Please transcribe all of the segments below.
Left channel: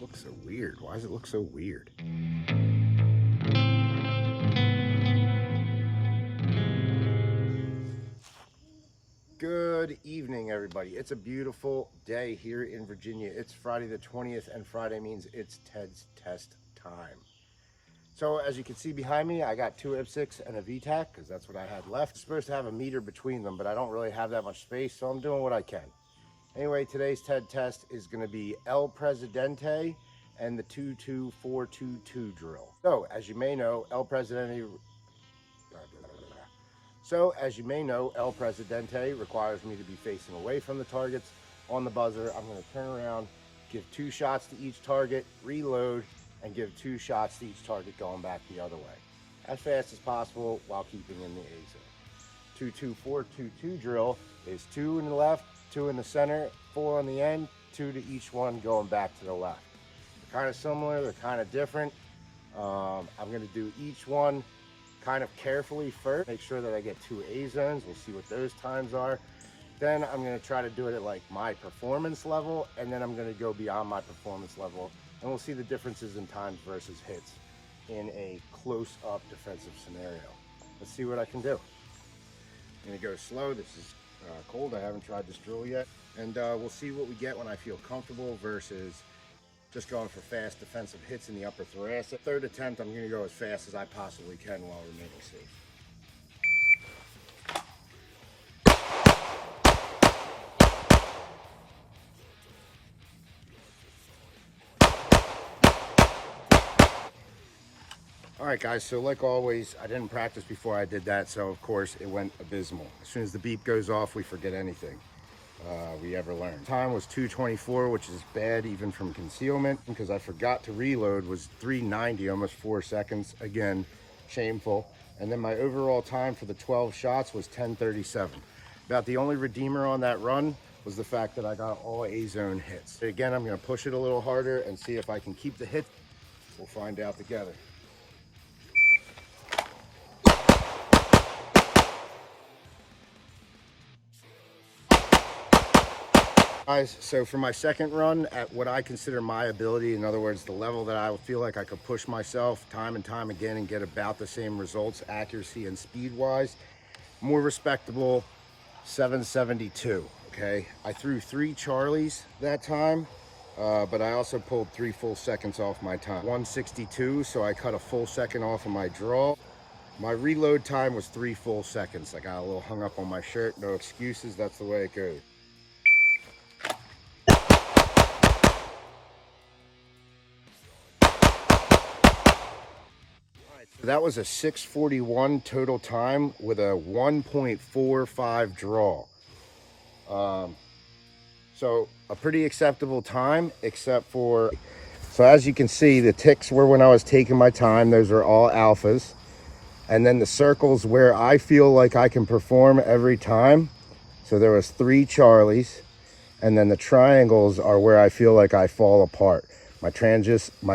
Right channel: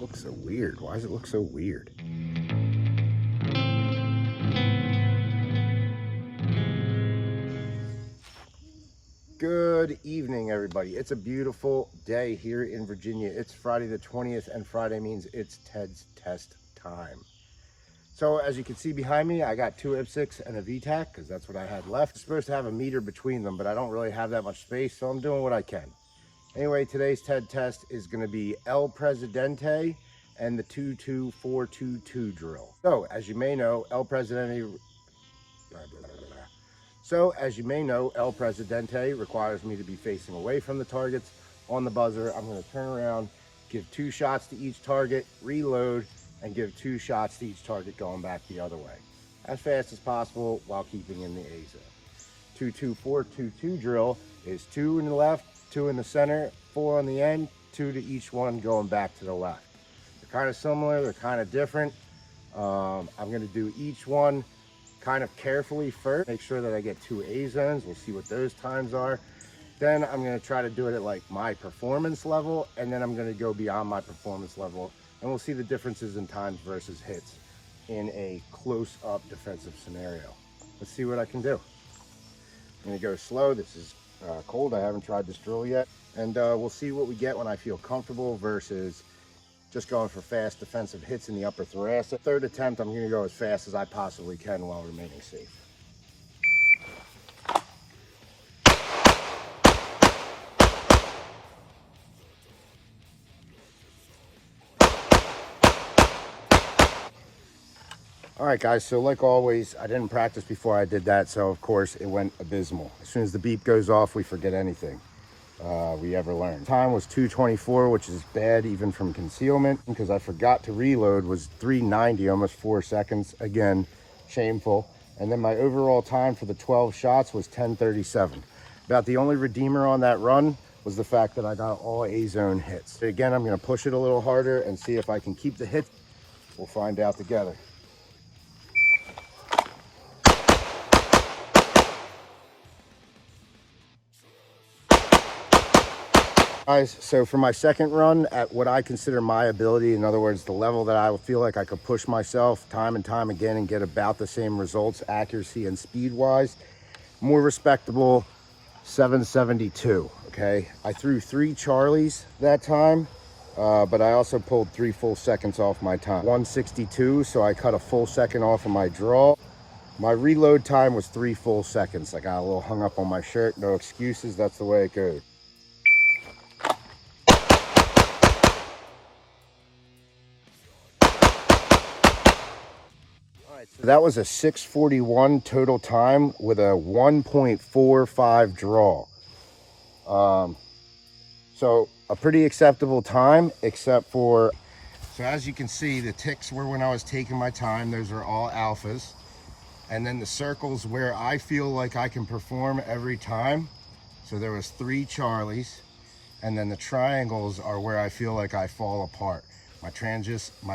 Looks so weird. Why does it look so weird? Good evening, everybody. It's a beautiful day here in Virginia. It's Friday the 20th, and Friday means it's Ted's test time. So as you can see behind me, I got two Ipsics and a VTAC because that's what I had left. I'm supposed to have a meter between them, but I don't really have that much space, so I'm doing what I can. Anyway, today's TED test is going to be El Presidente and the 22422 drill. So as you may know, El Presidente requires me to be facing away from the targets. On the buzzer, I'm going to turn around, give 2 shots to each target, reload, and give 2 shots to each target going back the other way, as fast as possible while keeping in the A zone. 22422 drill is 2 in the left, 2 in the center, 4 on the end, 2 to each one going back to the left. They're kind of similar, they're kind of different. I'm going to do each one kind of carefully first, make sure that I get 2 A zones. We'll see what those times are. Then I'm going to try to do it at like my performance level, and then I'm going to go beyond my performance level, and we'll see the differences in times versus hits in a close-up defensive scenario. Let's see what I can do. I'm going to go slow. This is cold. I haven't tried this drill yet, and we'll see what we get when I feel comfortable versus just going for fast defensive hits in the upper thoracic. Third attempt, I'm going to go as fast as I possibly can while remaining safe. All right, guys, so like always, I didn't practice before I did that, so of course it went abysmal. As soon as the beep goes off, we forget anything we ever learned. Time was 2:24, which is bad even from concealment, because I forgot to reload, was 3:90, almost 4 seconds. Again, shameful. And then my overall time for the 12 shots was 10:37. About the only redeemer on that run was the fact that I got all A-zone hits. Again, I'm gonna push it a little harder and see if I can keep the hit. We'll find out together. Guys, so for my second run at what I consider my ability, in other words, the level that I feel like I could push myself time and time again and get about the same results, accuracy and speed wise, more respectable 772, okay? I threw 3 Charlies that time, but I also pulled 3 full seconds off my time. 162, so I cut a full second off of my draw. My reload time was 3 full seconds. I got a little hung up on my shirt, no excuses, that's the way it goes. So that was a 6:41 total time with a 1.45 draw. So a pretty acceptable time, except for, so as you can see, the ticks were when I was taking my time. Those are all alphas. And then the circles where I feel like I can perform every time. So there was 3 Charlies. And then the triangles are where I feel like I fall apart. My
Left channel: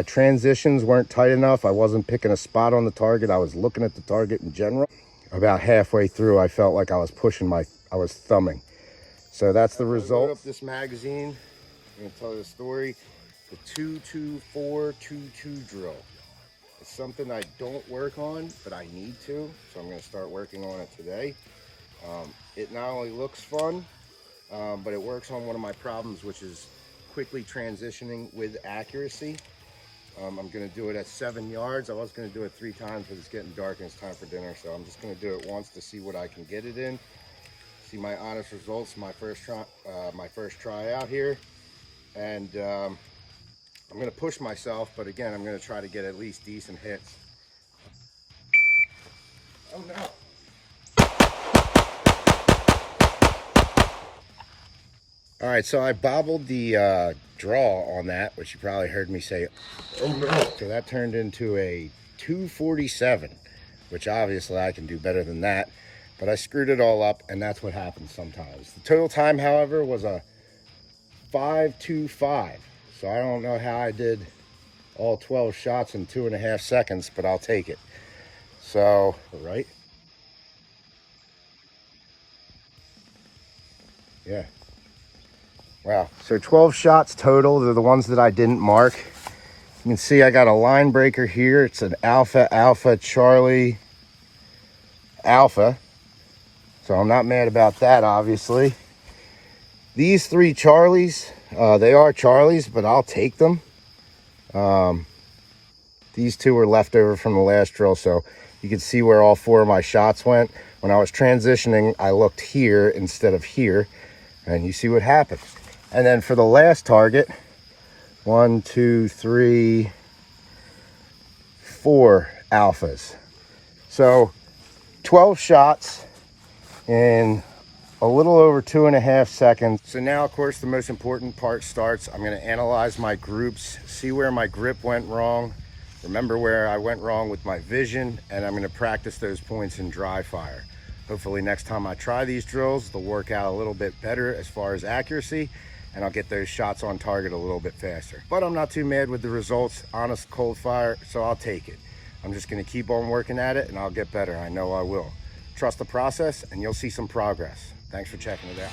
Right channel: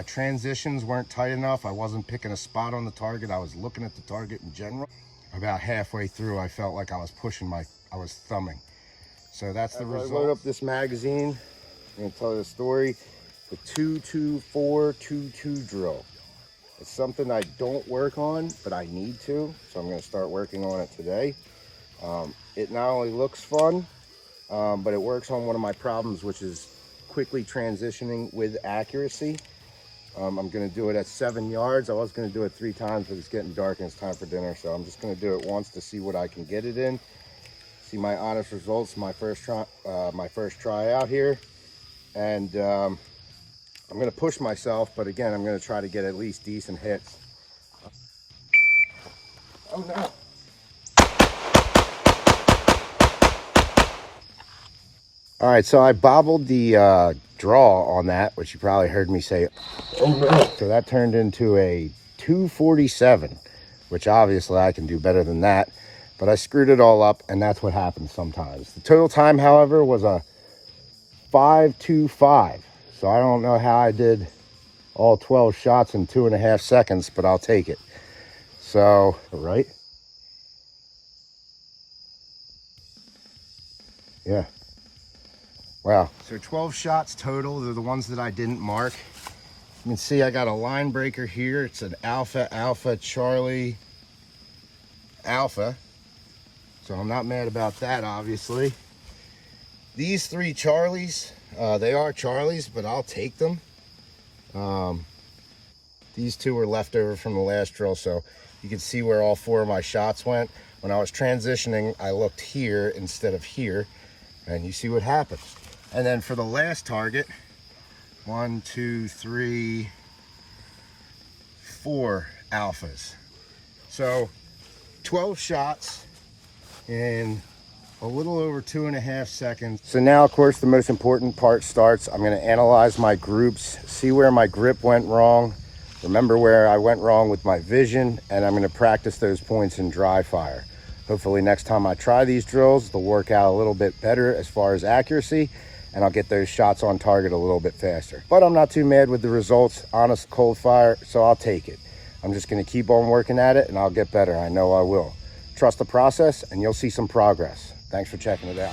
transitions weren't tight enough. I wasn't picking a spot on the target. I was looking at the target in general. About halfway through, I felt like I was I was thumbing. So that's the result. I load up this magazine. I'm gonna tell you the story. The 22422 drill. It's something I don't work on, but I need to. So I'm gonna start working on it today. It not only looks fun, but it works on one of my problems, which is quickly transitioning with accuracy. I'm gonna do it at 7 yards. I was gonna do it 3 times, but it's getting dark and it's time for dinner. So I'm just gonna do it once to see what I can get it in. See my honest results, my first try out here. And I'm gonna push myself, but again, I'm gonna try to get at least decent hits. Oh no. All right, so I bobbled the draw on that, which you probably heard me say. Oh no. So that turned into a 247, which obviously I can do better than that, but I screwed it all up, and that's what happens sometimes. The total time, however, was a 5:25. So I don't know how I did all 12 shots in 2.5 seconds, but I'll take it. So, right? Yeah. Wow, so 12 shots total. They're the ones that I didn't mark. You can see I got a line breaker here. It's an Alpha, Alpha, Charlie, Alpha. So I'm not mad about that, obviously. These 3 Charlies, they are Charlies, but I'll take them. These 2 were left over from the last drill, so you can see where all 4 of my shots went. When I was transitioning, I looked here instead of here, and you see what happened. And then for the last target, 1, 2, 3, 4 Alphas. So 12 shots in a little over 2.5 seconds. So now, of course, the most important part starts. I'm going to analyze my groups, see where my grip went wrong, remember where I went wrong with my vision, and I'm going to practice those points in dry fire. Hopefully next time I try these drills, they'll work out a little bit better as far as accuracy, and I'll get those shots on target a little bit faster. But I'm not too mad with the results. Honest, cold fire, so I'll take it. I'm just going to keep on working at it, and I'll get better. I know I will. Trust the process, and you'll see some progress. Thanks for checking it out.